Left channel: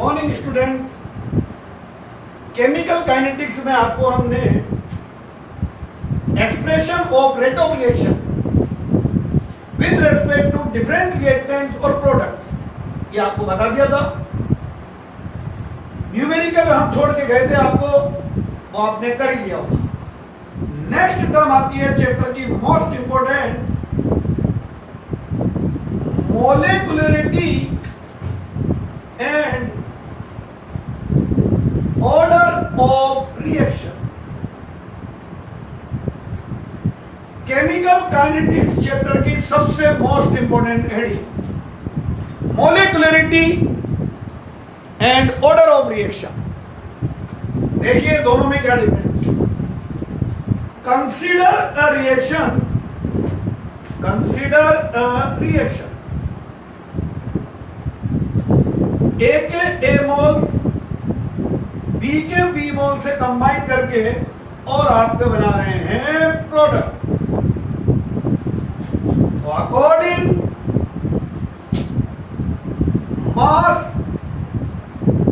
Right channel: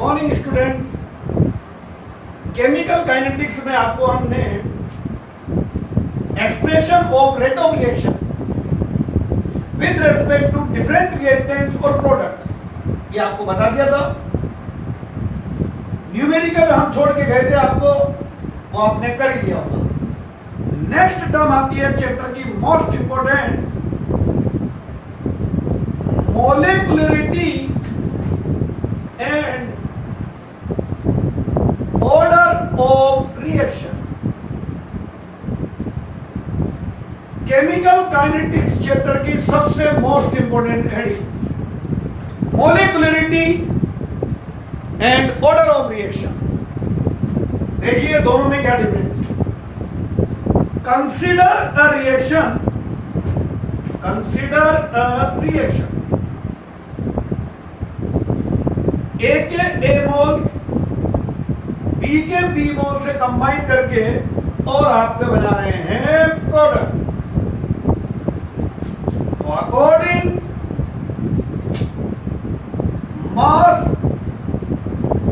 Morning students. Chemical kinetics में आपको हमने expression of rate of reaction with respect to different reactants और products ये आपको बता दिया था। न्यूमेरिकल हम छोड़ के गए थे आपको, वो आपने कर ही लिया होगा। नेक्स्ट टर्म आती है चैप्टर की most important, molecularity and order of reaction. Chemical kinetics chapter की सबसे most important heading, molecularity and order of reaction. देखिए दोनों में क्या difference. Consider a reaction, consider a reaction, A के ए मोल बी के बी मोल से कंबाइन करके और आपके बना रहे हैं प्रोडक्ट। तो अकॉर्डिंग मास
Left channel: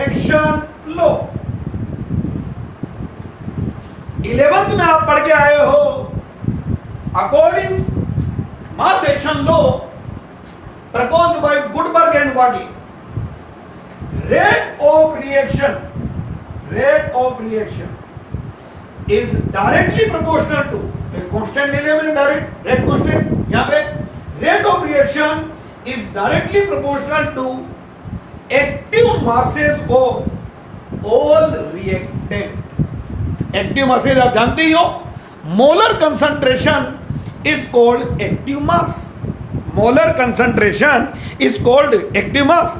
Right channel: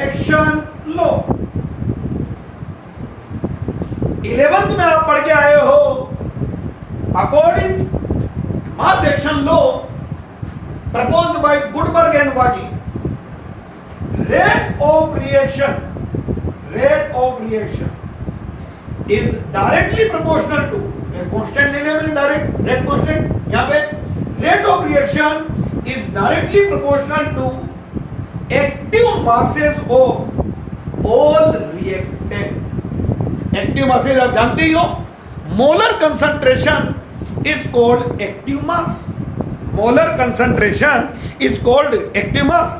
एक्शन लो, 11th में आप पढ़ के आए हो, according mass action law proposed by Guldberg and Waage, rate of reaction is directly proportional to a constant ले लेंगे डायरेक्ट rate constant, यहां पे rate of reaction is directly proportional to active masses of all reactant। active masses आप जानते ही हो, molar concentration is called active mass, molar concentration is called active mass।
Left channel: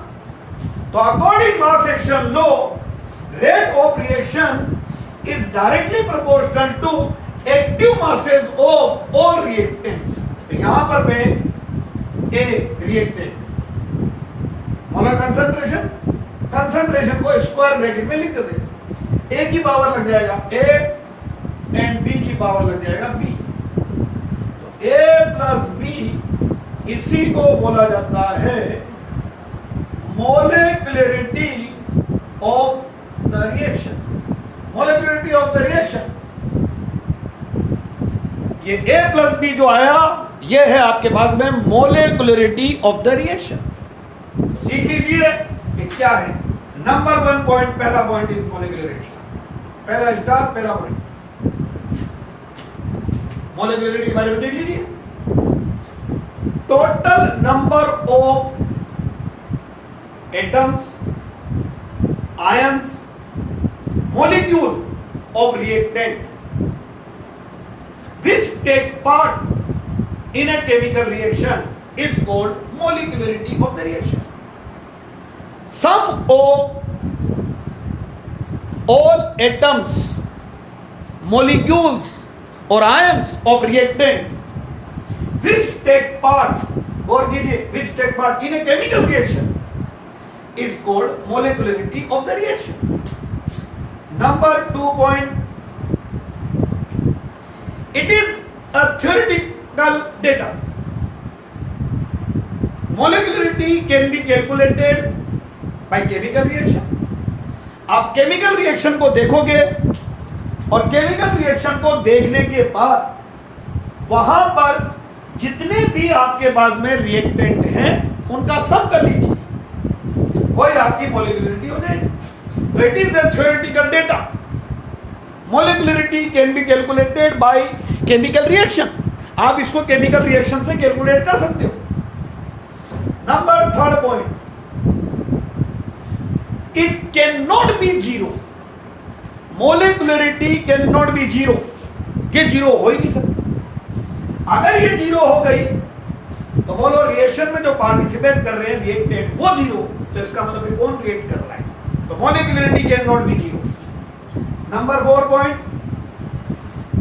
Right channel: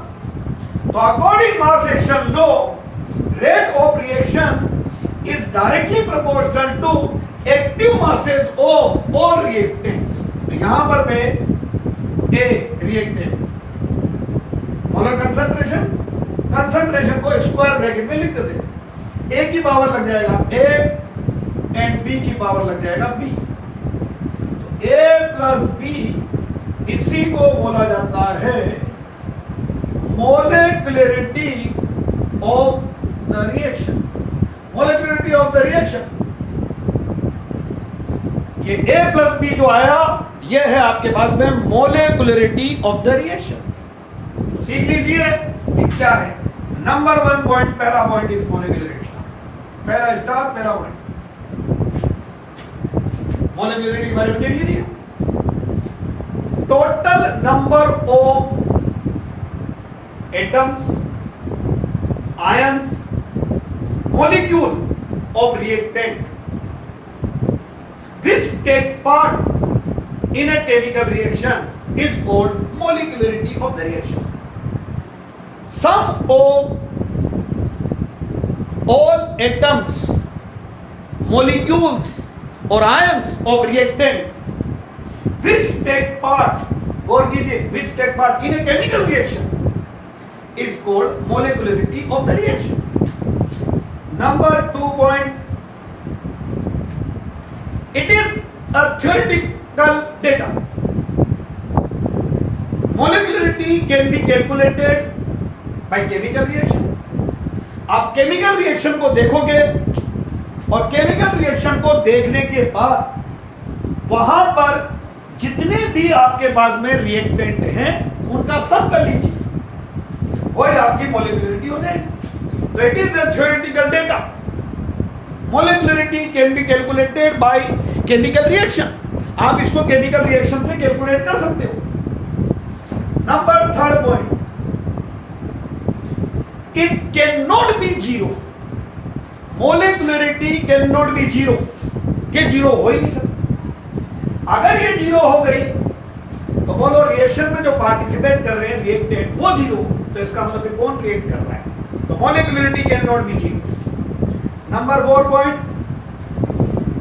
तो according mass action law, rate of reaction is directly proportional to active masses of all reactants. तो यहां पर मैं A reactant molar concentration, concentration को square bracket में लिख देते, A की पावर लग जाएगा ए एंड बी की पावर लग जाएगा बी। तो ए प्लस बी, इसी को बोला जाता है molecularity of the reaction, molecularity of the reaction। ये A प्लस B जो आया ये है आपके पास में molecularity of the reaction। सीख लीजिए ये क्या है। नंबर 1 पॉइंट, पहला पॉइंट इज molecularity, पहला स्टार, पहला पॉइंट molecularity के बारे में देख लीजिए। Total number of atoms, ions, molecule of reactant which take part in a chemical reaction is called molecularity of the reaction। Sum of all atoms, molecules or ions of reactant which take part, और कीजिए, which take part in a chemical reaction is called molecularity of the reaction। Number 2 point, it is a theoretical data। molecularity can be calculated by chemical reaction। आप chemical reaction को देखोगे और chemical reaction को देखने के बाद वहां पर जितने भी आपके पास में रिएक्टेंट हैं उनका सम कर लीजिए, वही आपकी मोलिकुलरिटी हो जाएगी। तो it is a theoretical data. Molecularity can be calculated by chemical reaction. आप इसको केमिकल रिएक्शन से कैलकुलेट कर सकते हो। Number 3 point, it can not be zero. Molecularity can not be zero, कि जीरो हो ही नहीं सकता। अगर ये जीरो हो गई तो बोलो रिएक्शन में जो पार्टिसिपेट कर रहे हैं रिएक्टेंट वो जीरो, तो इसका मतलब कि कौन रिएक्ट कर रहा है। तो molecularity can not be zero. Number 4 point,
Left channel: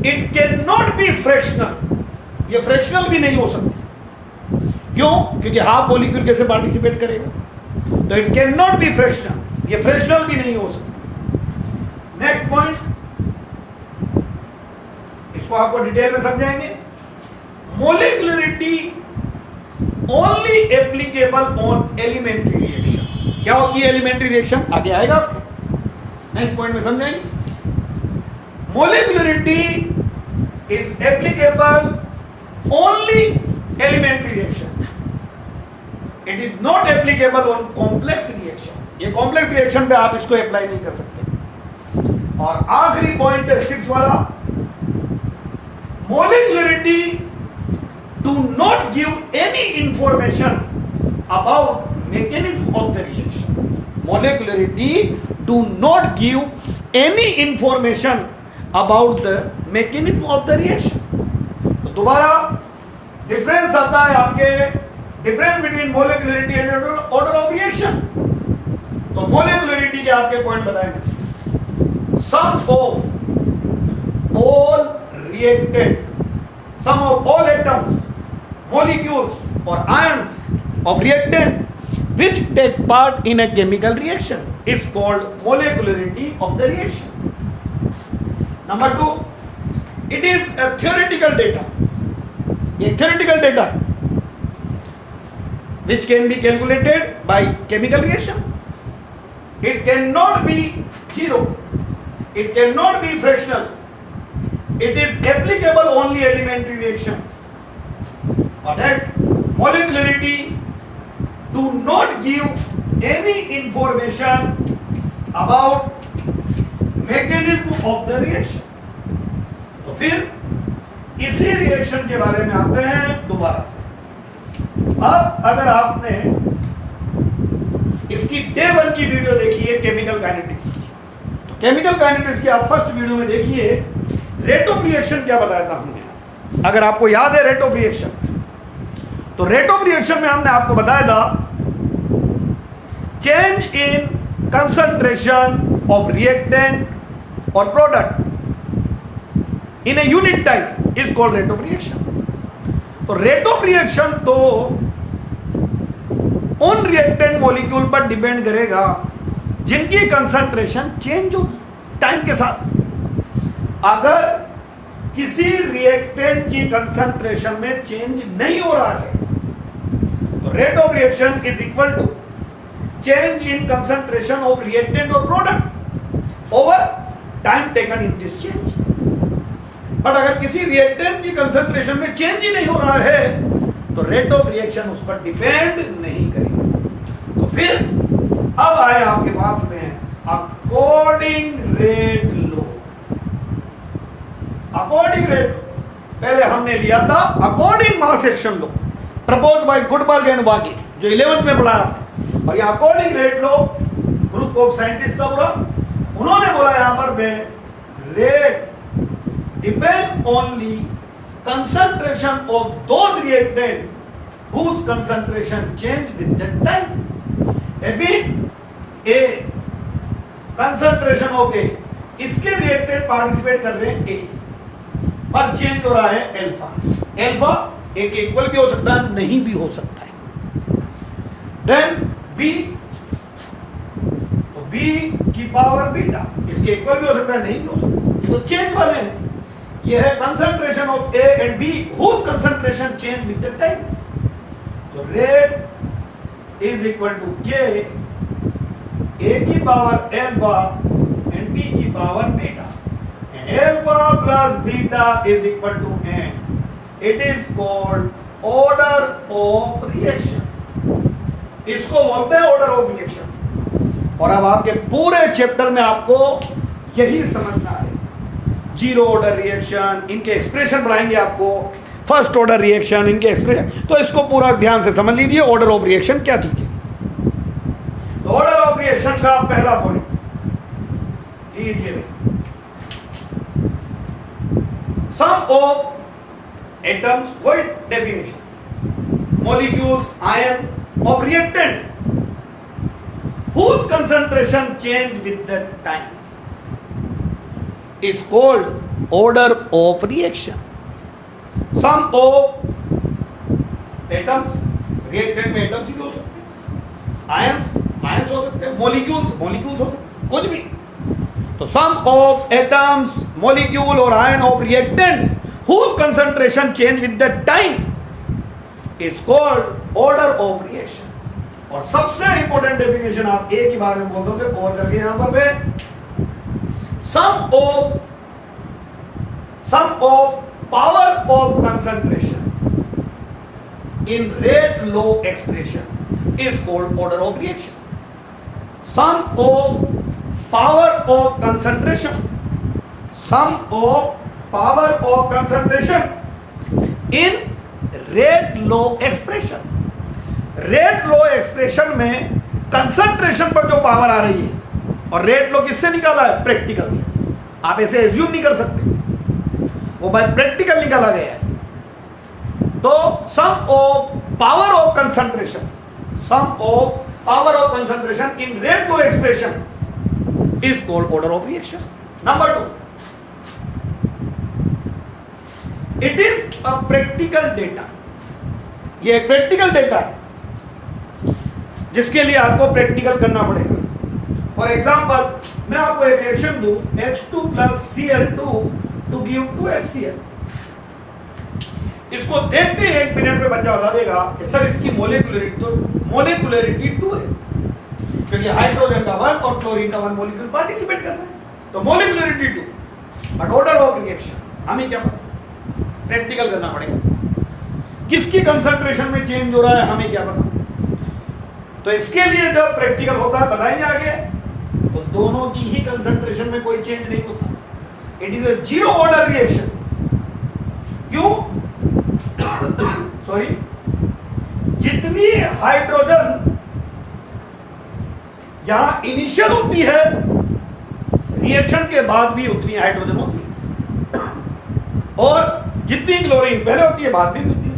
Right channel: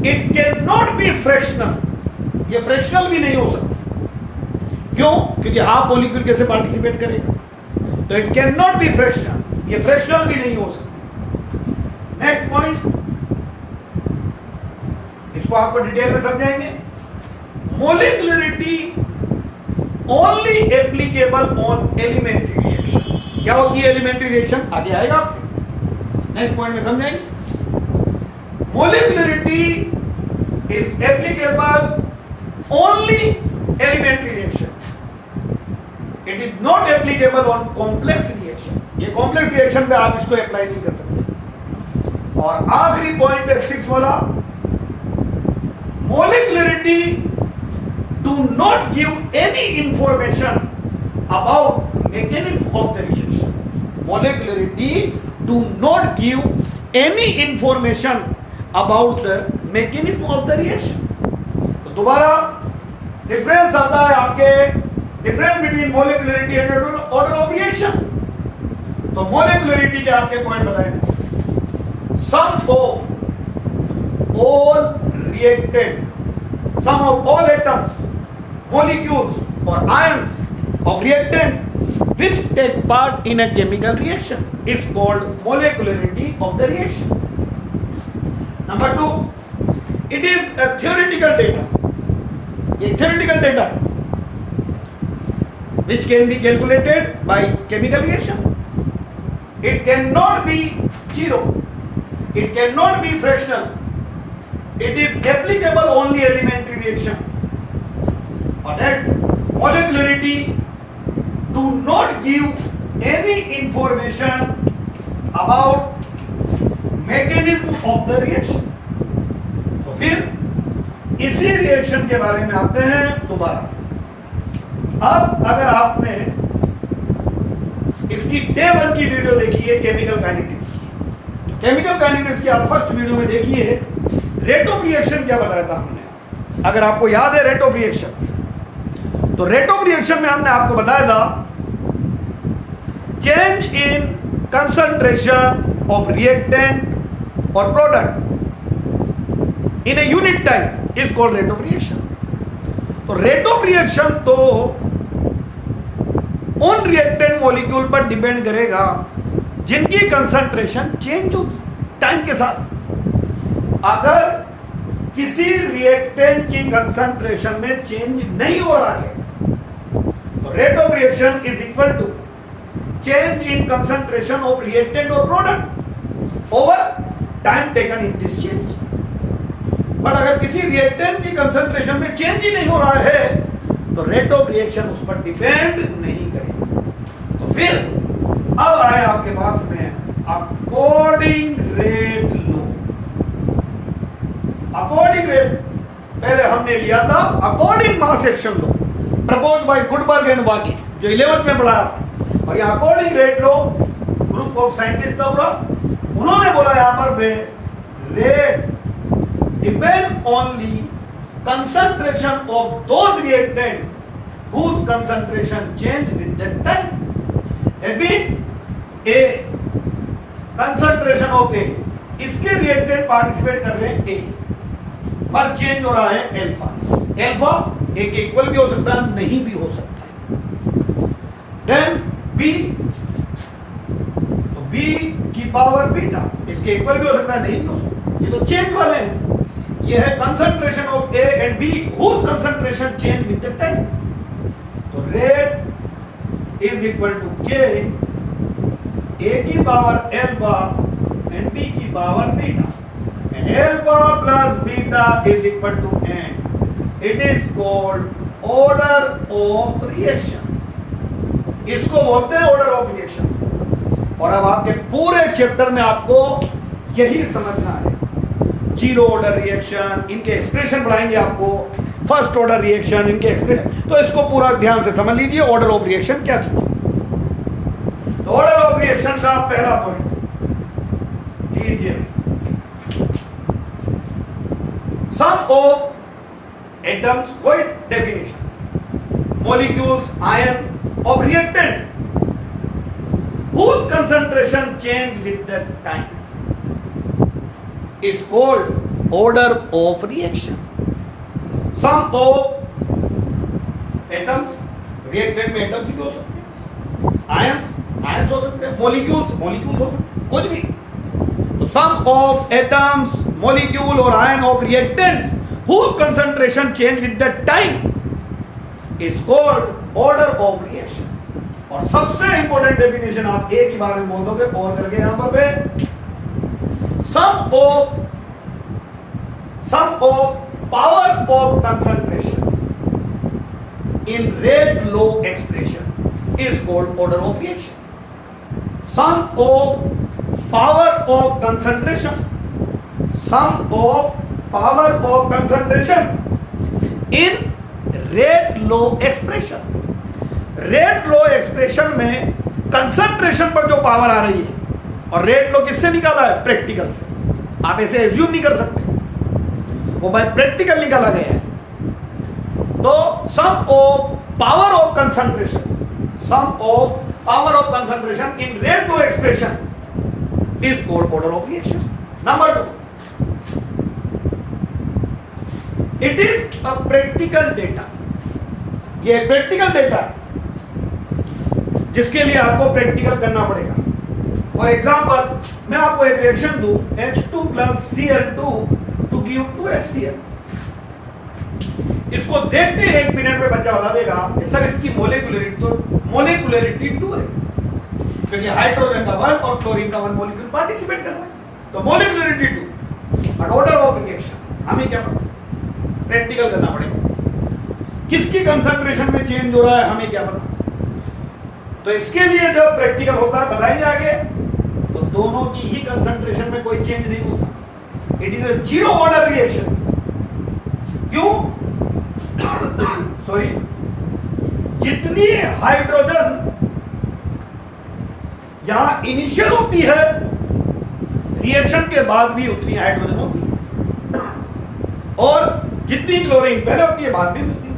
it can not be fractional. ये फ्रैक्शनल भी नहीं हो सकती। क्यों? क्योंकि हाफ मॉलिक्यूल कैसे पार्टिसिपेट करेगा। तो it can not be fractional, ये फ्रैक्शनल भी नहीं हो सकती। नेक्स्ट पॉइंट, इसको आपको डिटेल में समझाएंगे। Molecularity only applicable on elementary reaction। क्या होती है एलिमेंट्री रिएक्शन, आगे आएगा आपके नेक्स्ट पॉइंट में समझाएंगे। Molecularity is applicable only elementary reaction, it is not applicable on complex reaction. ये कॉम्प्लेक्स रिएक्शन पे आप इसको अप्लाई नहीं कर सकते। और आखिरी पॉइंट है 6 वाला, molecularity do not give any information about mechanism of the reaction. Molecularity do not give any information about the mechanism of the reaction. तो दोबारा डिफरेंस आता है आपके, difference between molecularity and order of reaction. तो molecularity के आपके point बताएंगे, sum of all reactant, sum of all atoms, molecules और ions of reactant which take part in a chemical reaction is called molecularity of the reaction. Number 2, it is a theoretical data. A theoretical data which can be calculated by chemical reaction. It cannot be zero. It cannot be fractional. It is applicable only elementary reaction. Or that molecularity do not give any information about mechanism of the reaction. तो फिर इसी reaction के बारे में आते हैं दोबारा से। अब अगर आपने इसकी डे 1 की वीडियो देखी है केमिकल काइनेटिक्स की, तो केमिकल काइनेटिक्स की आप फर्स्ट वीडियो में देखिए रेट ऑफ रिएक्शन क्या बताया था हमने। अगर आपको याद है रेट ऑफ रिएक्शन, तो रेट ऑफ रिएक्शन में हमने आपको बताया था change in concentration of reactant और product in a unit time is called rate of reaction. तो रेट ऑफ रिएक्शन तो उन रिएक्टेंट मॉलिक्यूल पर डिपेंड करेगा जिनकी कंसंट्रेशन चेंज होगी टाइम के साथ। अगर किसी रिएक्टेंट की कंसंट्रेशन में चेंज नहीं हो रहा है तो rate of reaction is equal to change in concentration of reactant और product over time taken in this change. But अगर किसी रिएक्टेंट की कंसंट्रेशन में चेंज ही नहीं हो रहा है तो रेट ऑफ रिएक्शन उस पर डिपेंड नहीं करेगा। तो फिर अब आए आपके पास में according rate law. According rate पहले हमने लिया था according mass action law propose by Guldberg and Waage, जो 11th में पढ़ा। और यह according rate law group of scientist था पूरा, उन्होंने बोला यहां पर rate depend only concentration of those reactant whose concentration change with the time. A concentration of A, इसके रिएक्टेंट पार्टिसिपेट कर रहे हैं ए, पर चेंज हो रहा है अल्फा। अल्फा ए के इक्वल भी हो सकता है, नहीं भी हो सकता है। देन बी, तो बी की पावर बीटा, इसके इक्वल भी हो सकता है, नहीं भी हो सकता। ये तो चेंज वाले हैं। ये है concentration of A and B whose concentration change with the time. तो rate is equal to K, A की पावर एल्फा एंड बी की power beta, and alpha plus beta is equal to N. It is called order of reaction. इसको बोलते हैं order of reaction. और अब आपके पूरे चैप्टर में आपको यही समझना है। जीरो ऑर्डर रिएक्शन, इनके एक्सप्रेशन पढ़ाएंगे आपको, फर्स्ट ऑर्डर रिएक्शन, इनके एक्सप्रेशन, तो इसको पूरा ध्यान से समझ लीजिए ऑर्डर ऑफ रिएक्शन क्या चीज है। तो ऑर्डर ऑफ रिएक्शन का पहला पॉइंट लीजिए, सम ऑफ एटम्स, वही definition, molecules, ion of reactant whose concentration change with the time is called order of reaction. Sum of atoms, reactant में atoms भी हो सकते हैं, ions हो सकते हैं, molecules हो सकते हैं, कुछ भी। तो sum of atoms, molecule और ion of reactants whose concentration change with the time is called order of reaction. और सबसे इंपॉर्टेंट इंपॉर्टेंट डेफिनेशन आप ए की बारे में बोल दोगे और करके यहां पर पे sum of power of concentration in rate law expression is called order of reaction. Sum of power of concentration in rate law expression. Rate law expression में concentration पर जो पावर आ रही है और rate law किससे निकाला है? प्रैक्टिकल से. आप ऐसे एज्यूम नहीं कर सकते, वो बाय प्रैक्टिकल निकाला गया है. तो sum of power of concentration in rate law expression is called order of reaction. Number 2, it is a practical data. ये प्रैक्टिकल डेटा जिसके लिए आपको प्रैक्टिकल करना पड़ेगा. फॉर एग्जाम्पल, मैं आपको एक रिएक्शन दूं H2 plus Cl2 to give 2HCl. इसको देखते ही 1 मिनट में बच्चा बता देगा कि सर इसकी मोलिकुलरिटी 2 है, क्योंकि हाइड्रोजन का 1 और क्लोरीन का 1 मॉलिक्यूल पार्टिसिपेट कर रहा है, तो molecularity 2. But order of reaction हमें क्या पता, प्रैक्टिकल करना पड़ेगा. किसकी कंसंट्रेशन में चेंज हो रहा है हमें क्या पता. तो इसके लिए जब प्रैक्टिकल होता है बताएंगे आगे, तो दोनों की ही कंसंट्रेशन में कोई चेंज नहीं होता. It is a zero order reaction. क्यों? सॉरी, जितनी हाइड्रोजन यहां इनिशियल होती है, रिएक्शन के बाद भी उतनी हाइड्रोजन होती है, और जितनी क्लोरीन पहले होती है बाद में भी होती है.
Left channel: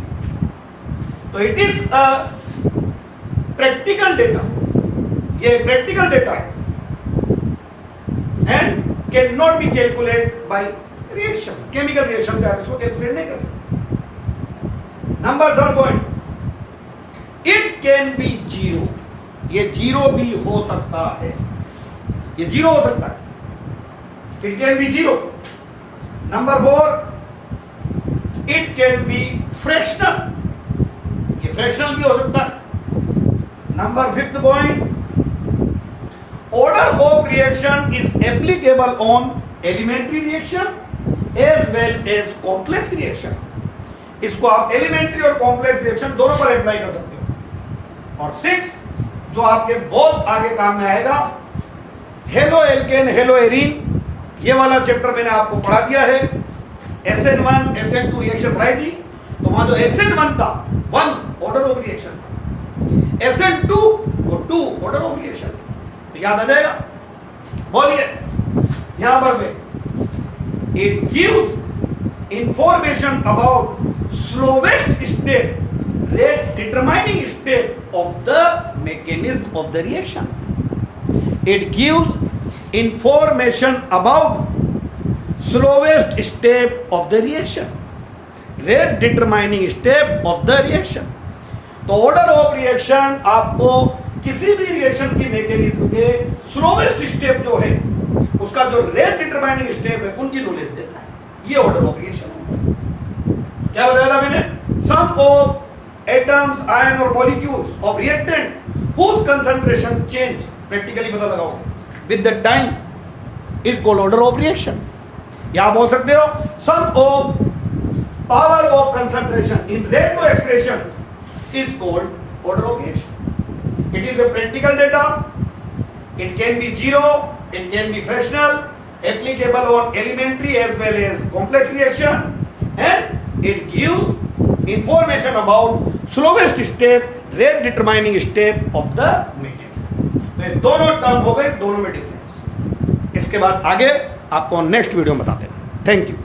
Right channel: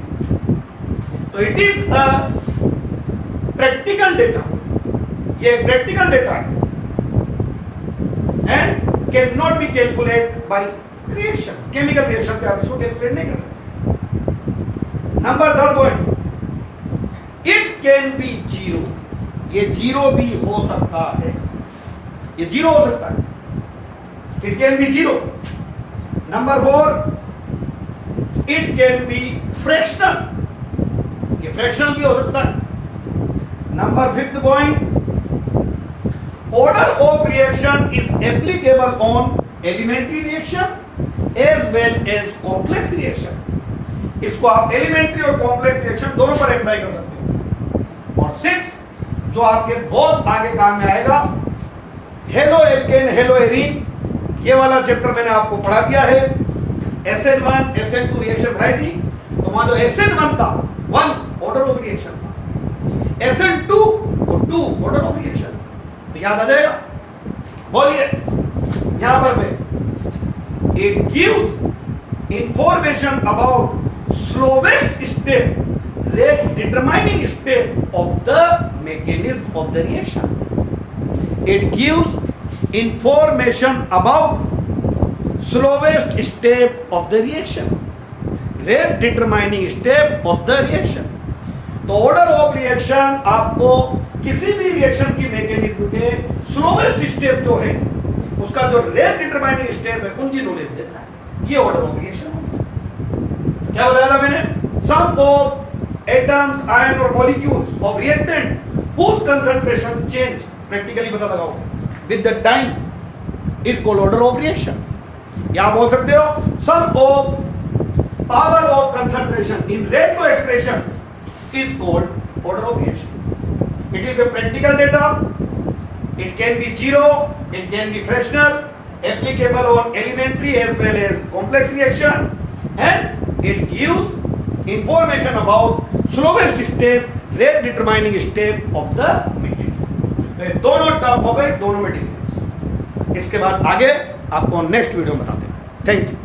तो it is a practical data. ये प्रैक्टिकल डेटा है and can not be calculate by reaction. Chemical reaction से आप इसको कैलकुलेट नहीं कर सकते. Number 3 point, it can be zero. ये जीरो भी हो सकता है, ये जीरो हो सकता है. It can be zero. Number 4, it can be fractional. ये फ्रैक्शनल भी हो सकता है. Number 5 point, order of reaction is applicable on elementary reaction as well as complex reaction. इसको आप एलिमेंट्री और कॉम्प्लेक्स रिएक्शन दोनों पर अप्लाई कर सकते हो. और 6, जो आपके बहुत आगे काम में आएगा, हेलो एल्केन हेलो एरीन. ये वाला चैप्टर मैंने आपको पढ़ा दिया है. SN1 SN2 रिएक्शन पढ़ाई थी, तो वहां जो SN1 था 1 ऑर्डर ऑफ रिएक्शन था, SN2 वो 2 ऑर्डर ऑफ रिएक्शन था. तो याद आ जाएगा. बोलिए यहां पर it gives information about slowest step, rate determining step of the mechanism of the reaction. It gives information about slowest step of the reaction, rate determining step of the reaction. तो order of reaction आपको किसी भी reaction की mechanism के slowest step जो है, उसका जो रेट डिटरमाइनिंग स्टेप है, उनकी नॉलेज देता है. ये ऑर्डर ऑफ रिएक्शन. क्या बताया मैंने? सम ऑफ एटम्स, आयन और molecules of reactant whose concentration change, practically पता लगाओगे, with the time is called order of reaction. या बोल सकते हो sum of power of concentration in rate law expression is called order of reaction. It is a practical data. It can be zero, it can be fractional, applicable on elementary as well as complex reaction, and it gives information about slowest step, rate determining step of the mechanism. तो दोनों term हो गए, दोनों में difference. इसके बाद आगे आपको नेक्स्ट वीडियो में बताते हैं. Thank you.